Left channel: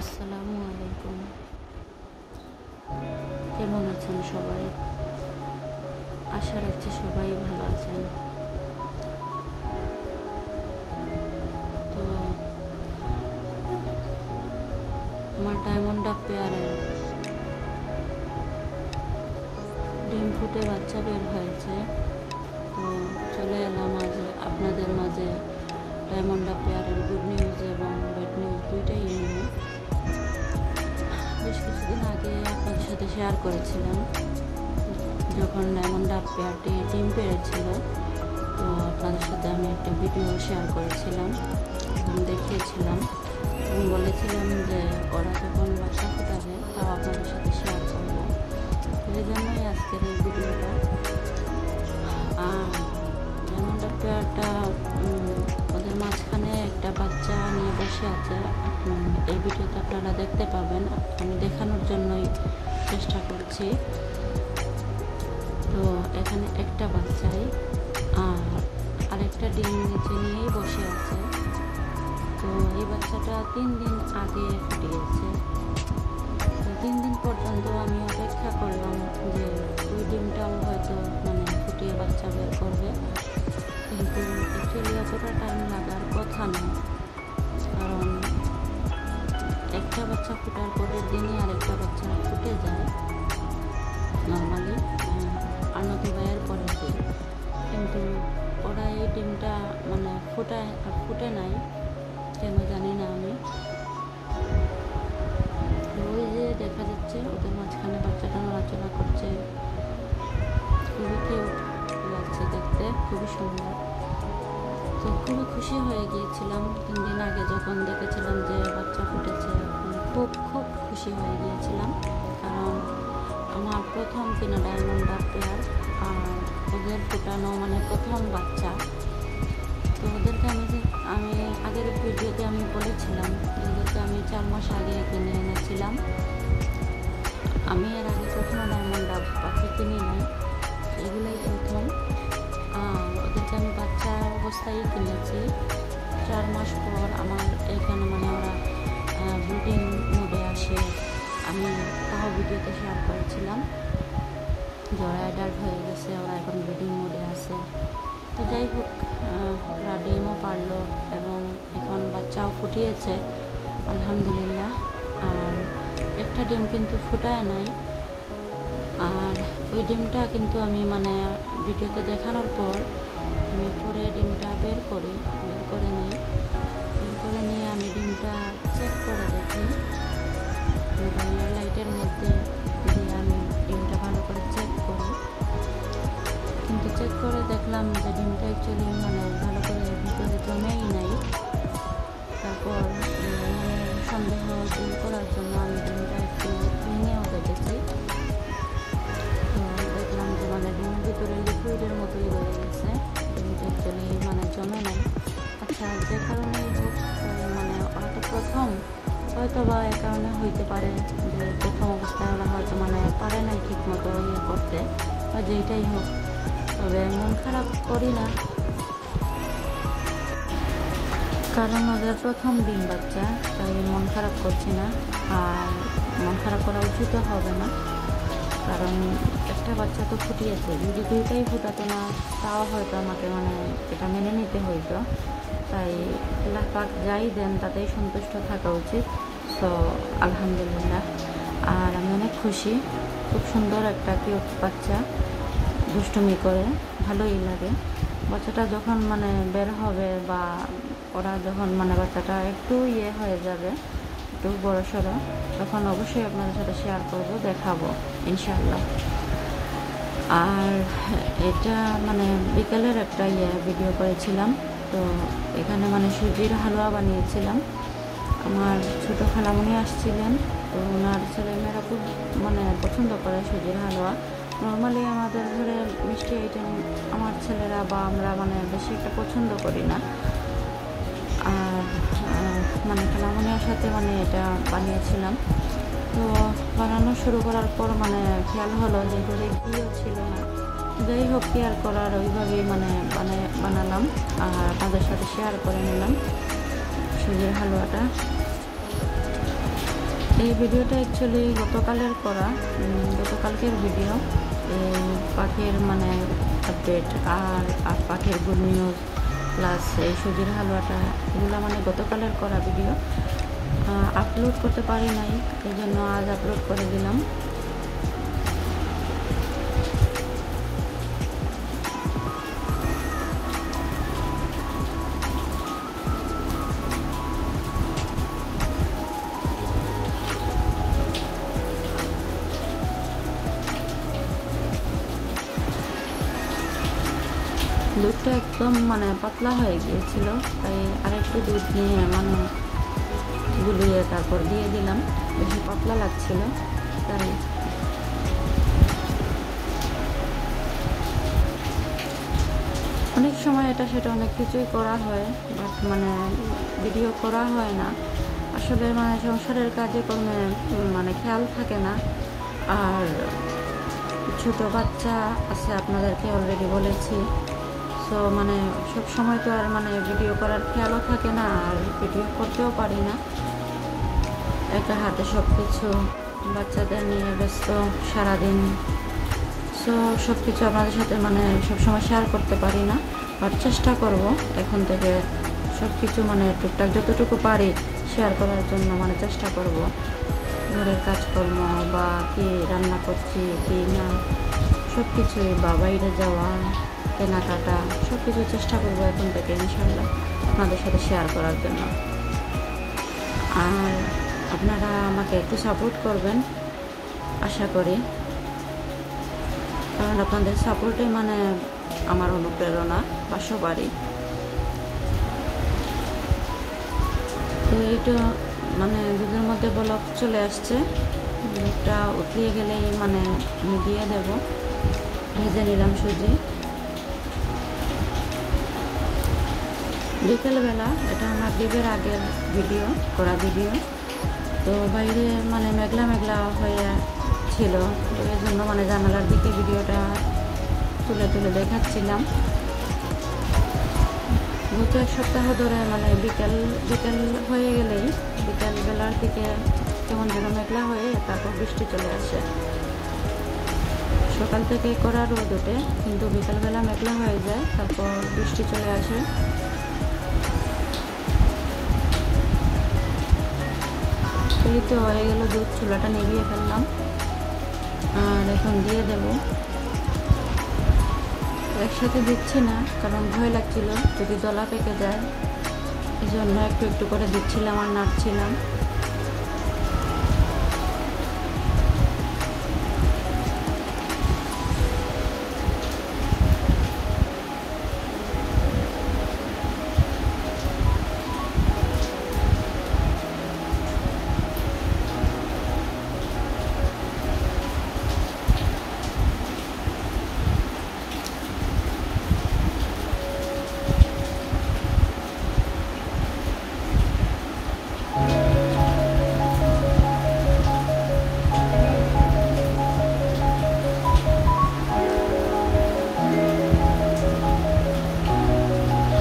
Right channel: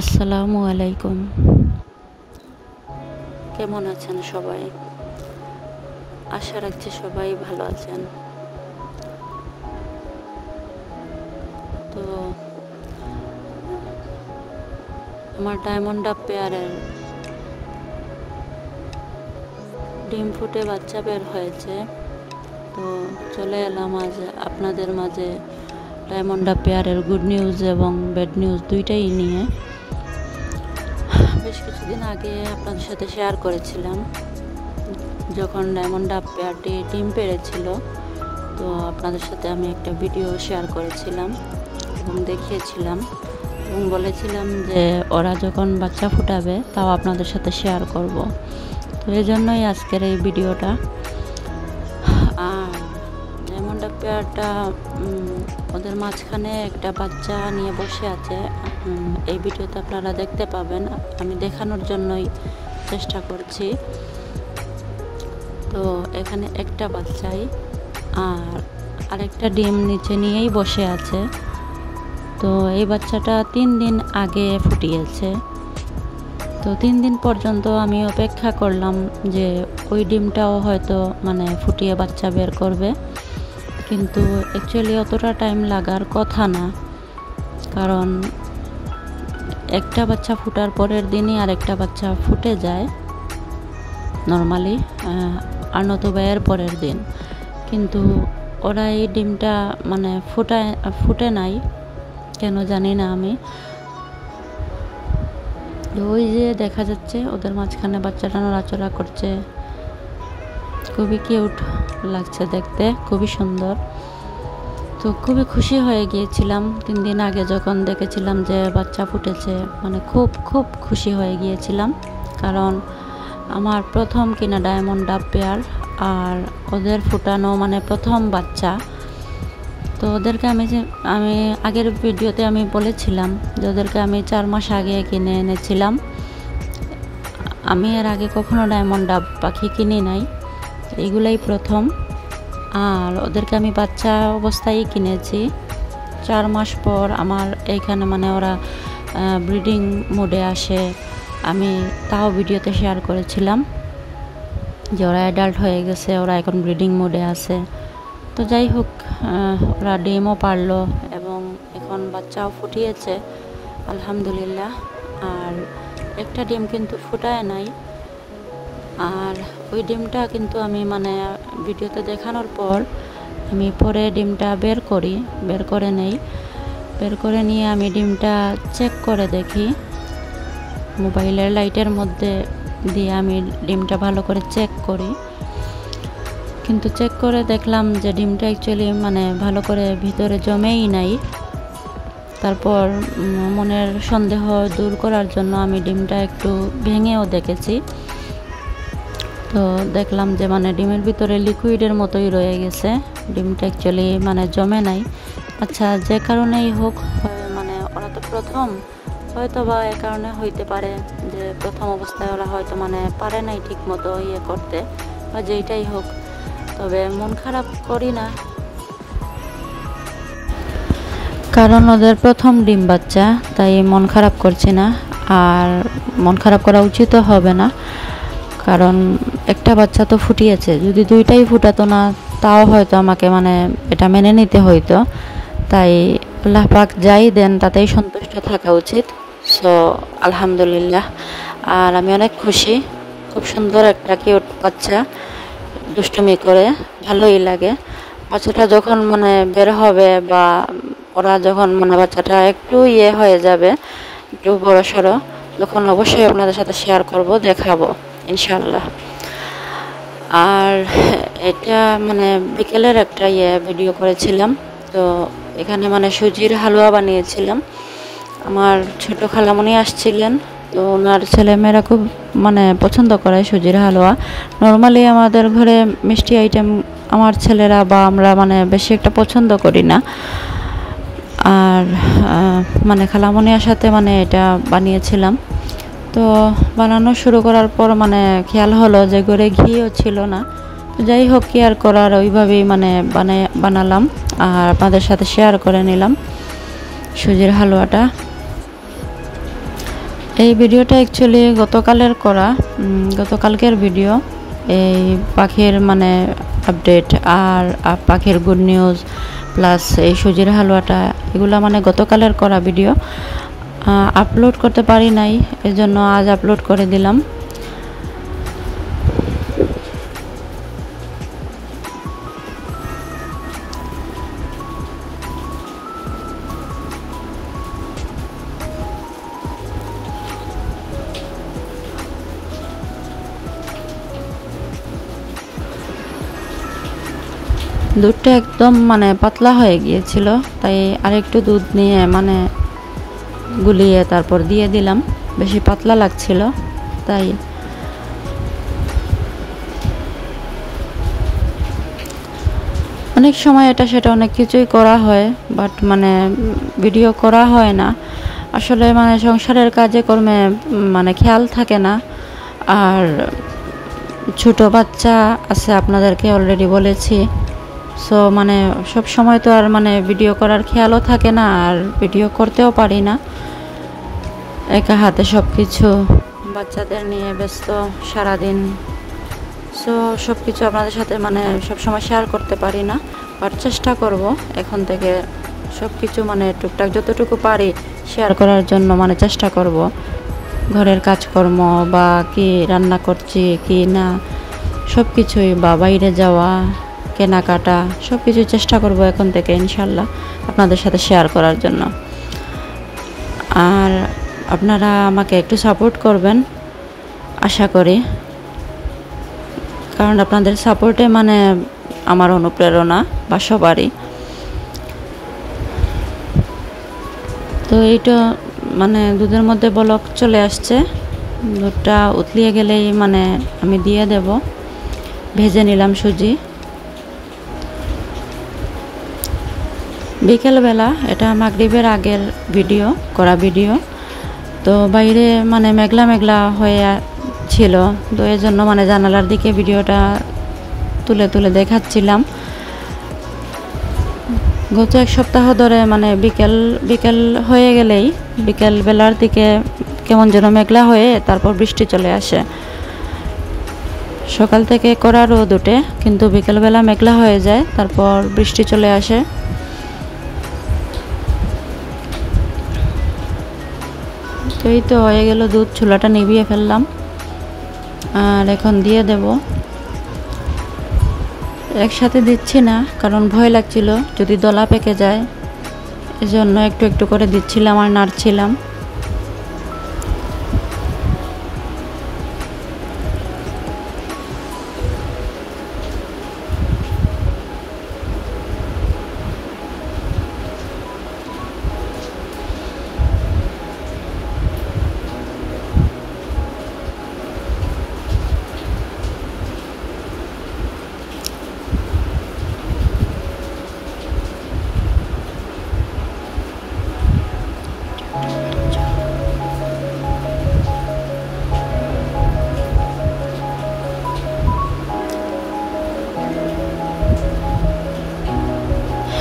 আসসালামু আলাইকুম। কেমন আছেন সবাই? আশা রাখছি সবাই ভালো আছেন। তো আমার ডায়মন্ড ডাব পেয়ারের ডিম ফুটে বাচ্চা বের হয়েছে। তো চলে এলাম আজ আপনাদের মাঝে ডায়মন্ড ডাব পেয়ারের গুড নিউজ এবং ব্যাড নিউজ দুইটাই নিয়ে। বেশ কিছুদিন আগে আপনাদের সাথে শেয়ার করেছিলাম যখন ডায়মন্ড ডাব পেয়ারটি ডিম পেড়েছিল। তো আপনাদের সাথে আমি একটা ভিডিও শেয়ার করেছিলাম এবং দেখিয়েছিলাম এবং বলেছিলাম যে ওরা যখন বাচ্চা ফুটাবে তাও আপনাদের সাথে শেয়ার করব। তো এই জন্যই আজকের এই ভিডিওটা। ডায়মন্ড ডাব পেয়ারটা ওদের মাঝখানে একটা বাচ্চা নিয়ে বসে আছে। এই ভিডিওতে আপনারা দেখতে পাবেন, আমি দেখানোর জন্যই চেষ্টা করছি। তো এখানে একটা বাচ্চাই আর আরেকটা ডিম নিচে নিয়েই বসে আছে। তো এই বাচ্চাটা 3 দিন আগে ফুটিয়েছে। তো 3 দিন পর্যন্ত আমি অপেক্ষা করলাম যে ওই ডিমটাও হয়তো ফুটিয়ে বাচ্চা বের করবে, কিন্তু অ্যাকচুয়ালি অতটা টাইম লাগার কথা না, কারণ একটা বাচ্চা ফুটার পরের দিনই আরেকটা বাচ্চা ফুটে যায় নর্মালি, আর নতুবা এর পরের দিন। কিন্তু ওরা এই ডিমটা ফুটে নাই কেন জানি না আমি। ওই যে দেখা যাচ্ছে ওদের মাঝখানে বাচ্চাটা নড়াচড়া করছে, খুবই কিউট লাগছে দেখতে, খুবই সুন্দর। তো খুবই খুশি হয়ে গিয়েছিলাম 3 দিন আগে যখন দেখেছিলাম যে বাচ্চা ফুটেছে, খুব খুব খুশি হয়ে গিয়েছিলাম, কারণ আমার প্রথম কিনা ডায়মন্ড ডাব পেয়ার আর ওদের ফুটানো প্রথম বাচ্চা। তো ওদেরকে আমি আগের ভিডিওতে আমি বলেছিলাম যে ওদেরকে আমি 4 মাস আগে কিনে এনেছিলাম। আমি এর আগে কখনো ডায়মন্ড ডাব পাখি কিনি নাই, এগুলাই প্রথম। আর ওদেরকে আমি বাচ্চা অবস্থায় কিনেছি। 4 মাস পর আমার এইখানে ওরা ব্রিডিং মোডে আসে। আমি তাও ভিডিওতে শেয়ার করেছিলাম যে ওরা অ্যাডাল্ট হয়ে গেছে, ওরা এখন ব্রিডিং মোডে আছে। তো যাই হোক, ওরা ডিমও পারলো এবং এখন বাচ্চাও ফুটিয়েছে আলহামদুলিল্লাহ। আর একটা ডিম কিন্তু ফুটায় নাই, আর ওই ডিমটা কিন্তু আমি ভিডিওতে দেখানোর পর আমি পরে ডিমটা বের করে নিয়ে আমি ডিমটা চেক করে দেখি। মোবাইলের লাইটের মধ্যে দিয়ে আমি ডিমটা ভালো করে চেক করি, কিন্তু চেক করে দেখলাম যে ডিমটা অ্যাকচুয়ালি ভালো করে ভিতরে জমেই নাই। তারপর মনের সন্দেহ দূর করার জন্য আমি ডিমটা একটু ভেঙেও দেখেছি। তো দেখলাম যে ডিমের ভিতরে লিকুইডের মতোই রয়ে গেছে, ডিমটা অ্যাকচুয়ালি জমে নাই। আচ্ছা, যে কারণেই হোক, ওরা তো প্রথম, হয়তো বা এ কারণে হইতে পারে যে প্রথম অবস্থায় ওরা হয়তো পারে নাই ঠিক মতো ইয়ে করতে, বা যেইটাই হোক। তবে মন খারাপ করি না, কারণ ওদের প্রথম ডিম বাচ্চা, তাই মন খারাপ করছি না। আর মন খারাপ করা উচিতও হবে না, কারণ একটা বাচ্চা তো ফুটিয়েছে। যদি দুইটাই ফুটাতো না তাও হয়তো আমাকে এটা মেনে নিতে হইতো। তাই আল্লাহ পাক যাই দেন তাতেই সন্তুষ্ট থাকা উচিত। সো আলহামদুলিল্লাহ। আর আমি অনেক খুশি, খুব সুন্দর একটা কিউট বাচ্চা, দুষ্টুমি করে, ভালোই লাগে। বাচ্চাটা যখন বের হবে বা ওরা যখন বাচ্চাটা একটু ইয়ে হয়ে যাবে, একটু বড় সড়ো, তখন অবশ্যই আপনাদের সাথে শেয়ার করব, দেখাবো ইনশাল্লাহ। আর এটা বিকেলের একটা ভিডিও করেছিলাম। তো এখানে সুজির হালুয়া বানিয়েছিলাম। আমার ছোট খালামণি আসছিলেন, তো ওনার ছেলেমেয়েরা খুব পছন্দ করে সুজির হালুয়া। নর্মালি আমাদের ঘরে মিষ্টি আইটেম আমার ছেলেরা বা আমরা বেশি একটা পছন্দ করি না। আর খালামণির সাথে এটা বানিয়েছিলাম। তো বানানো শুরু করার পর খেয়াল হলো যে ঘরে ঘিও ছিল না। যাই হোক, কি আর করার, ওইভাবেই বানালাম আর আপনাদের সাথে শেয়ার করে নিলাম সুজির হালুয়াটা। এই ভিডিওটা অ্যাকচুয়ালি গতকালকের ভিডিও। এই পাখির মানে আপডেট আর পাখির গুড নিউজ প্লাস এই সুজির হালুয়াটা, এগুলো মানে গতকালের করা ভিডিও। আপলোড করতে পারি নাই, এজন্য আজ আপলোড করে দিলাম। দুধটা একদম মানে পাতলা হয়ে গিয়েছিল, তাই আরেকটু দুধ নিয়ে মানে গুলিয়ে তারপর দিয়ে দিলাম। বেশি পাতলা লাগছিল তাই। অনেক সময় এটা সেটা অনেক কিছুই করা হয়, বাট মানে ভিডিও করা হয় না আসলে। মানে সংসারের কাজে কর্মে মানে খেয়াল থাকে না। আর ছোট বাচ্চা আছে, আপনাদেরকে অলরেডি বলেছি। সো মানে সব সময় তো আর মানে ভিডিও করার খেয়ালও থাকে না, আর ভিডিও করতেও পারি না। একা হাতে সব কিছু, বাচ্চাদের নিয়ে ব্যস্ত সারাদিন। সো সব কিছু আপনাদের সাথে মানে সবসময় শেয়ার করতে পারি না, বাট চেষ্টা করব এখন থেকে সব কিছু মানে টুকটাক যতটুকু পারি শেয়ার করার জন্য মানে চেষ্টা করব। ঘরের কাজকর্ম বা কি রান্না করছি কি না সব কিছুই, বা বাইরে যাওয়া কেনাকাটা সব কিছু চেষ্টা করব এখন থেকে ইনশাল্লাহ আপনাদের সাথে শেয়ার করার জন্য। আর আপনারা আমাকে একটু সাপোর্ট করবেন আশা করি, কারণ আপনাদের সাপোর্টে মানে আমার অনুপ্রেরণা বা সবারই। তো এইটা মানে দুধের মধ্যে বলক চলে আসছে, দুধটা উতলিয়ে গেলেই মানে আমি দিয়ে দেব। ভেজে নিলাম সুজি। বিকেলবেলা, এটা মাগরিবের আগের ভিডিও। তো বাইরে মানে মেঘলা মেঘলা হয়ে ছিল, তো এই জন্য মানে জানালার দিকে ভিডিওটা তুলে তুলে দেখাচ্ছিলাম। গত এক সপ্তাহ ধরে মানে বিকেল হয়ে গেলেই বিকেল বেলার দিকে কেমন যেন মেঘলা হয়ে তারপর বৃষ্টি চলে আসে। সকাল থেকে কড়া রোদ ওঠে, কিন্তু বিকেলবেলা মেঘলা হয়ে যায়, তারপর বৃষ্টি চলে আসে। তো এই তো হয়ে গেল দুধ, চুলাটা নিভিয়ে ফেললাম আর এখন দিয়ে দেব। একসাথে দিচ্ছি না, কারণ ভয় লাগছিল যদি দলা পেকে যায়, এজন্য একটু একটু করে দিচ্ছিলাম আর নাড়ছিলাম।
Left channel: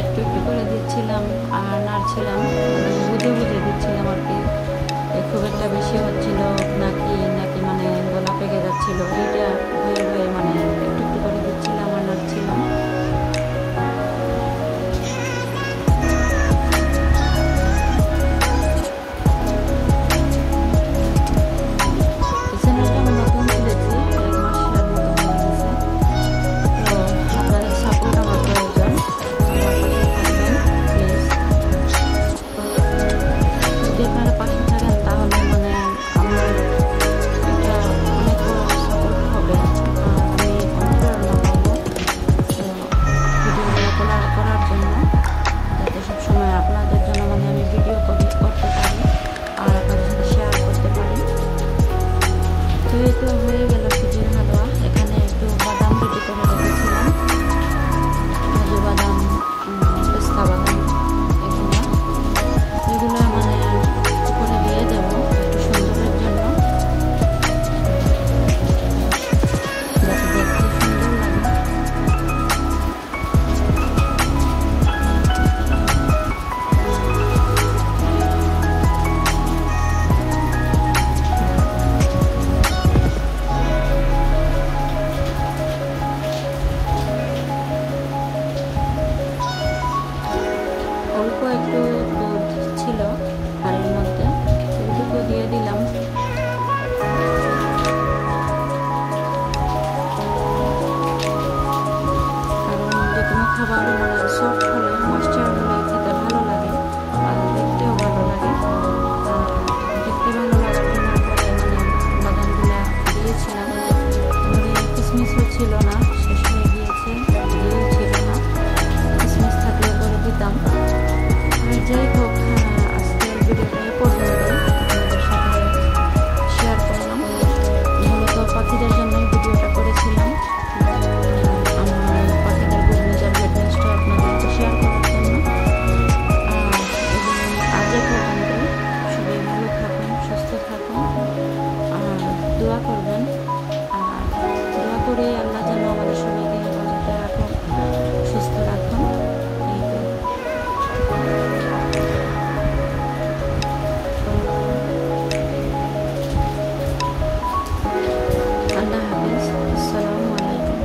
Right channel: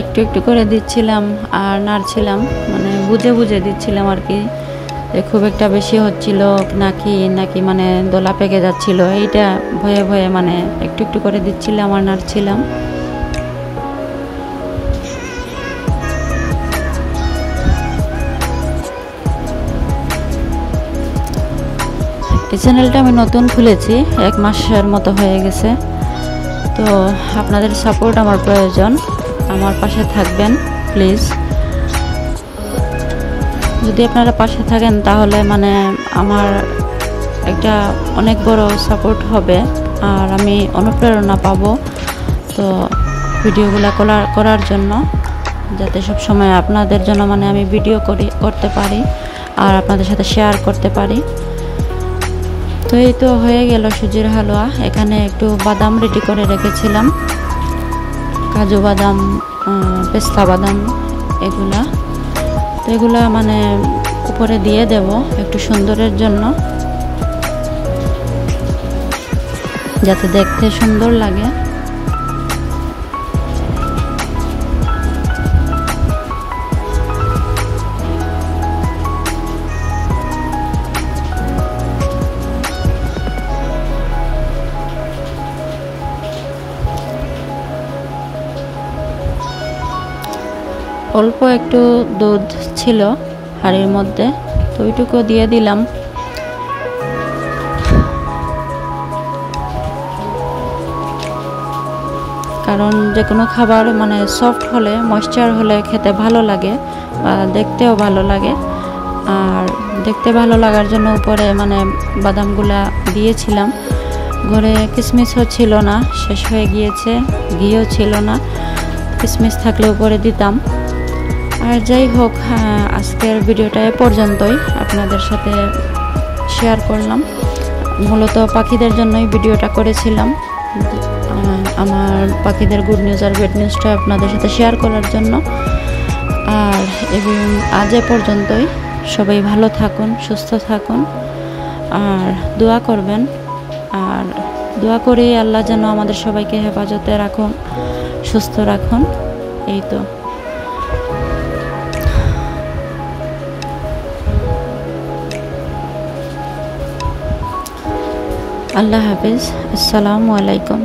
একটু একটু করে দিচ্ছিলাম আর নাড়ছিলাম, মানে বুঝে বুঝে দিচ্ছিলাম আর কি। খুব একটা বেশি হচ্ছিল নাকি মানে দলা পেকে যাচ্ছিল, এইটা ভয়ে ভয়ে মানে একটু একটু করে দিচ্ছিলাম আর নাড়ছিলাম। এই চ্যানেলটা আমি নতুন খুলেছি, 1 মাসের মতো হয়ে গেছে। তো আপনাদের সাপোর্ট আমার প্রয়োজন, আমার পাশে থাকবেন প্লিজ। যদি আপনারা পাশে থাকেন তাহলে মানে আমার একটা অনেক বড় সাপোর্ট হবে, আর আমি অনুপ্রেরণা পাবো তো ভিডিওগুলো করার জন্য, যাতে সব সময় আপনাদের জন্য মানে আমি ভিডিও করতে পারি আর আপনাদের সাথে শেয়ার করতে পারি। তো এই তো হয়ে গেল সুজির হালুয়া। এখানে একটু বাদাম রেডি করে রেখেছিলাম, কাজু বাদাম, পেস্তা বাদাম, এগুলা মানে উপরে দিয়ে দেব একটু সুন্দরের জন্য, যাতে দেখতে সুন্দর লাগে। অল্প একটু দুধ ছিল হাঁড়ির মধ্যে, তো ওইটুকু দিয়ে দিলাম। কারণ যে কোনো খাবার মানে সফট হলে, ময়েশ্চার হলে খেতে ভালো লাগে, দেখতেও ভালো লাগে। আর দেখতে ভালো লাগার জন্য উপরে মানে বাদামগুলা দিয়েছিলাম। ঘরে কিশমিশও ছিল না, শেষ হয়ে গিয়েছে, ঘিও ছিল না, কিশমিশ থাকলে উপরে দিতাম। আর যাই হোক, আজকের ভিডিওটা এ পর্যন্তই আপনাদের সাথে শেয়ার করলাম। মূলত পাখিদের জন্যই ভিডিওটা করেছিলাম, আমার পাখিদের গুড নিউজ আর ব্যাড নিউজটা আপনাদের সাথে শেয়ার করার জন্য। আর এবং আজ এ পর্যন্তই। সবাই ভালো থাকুন, সুস্থ থাকুন, আর দোয়া করবেন। আর দোয়া করি আল্লাহ যেন আমাদের সবাইকে হেফাজতে রাখুন, সুস্থ রাখুন। এই তো, আল্লাহ হাফেজ, আসসালামু আলাইকুম।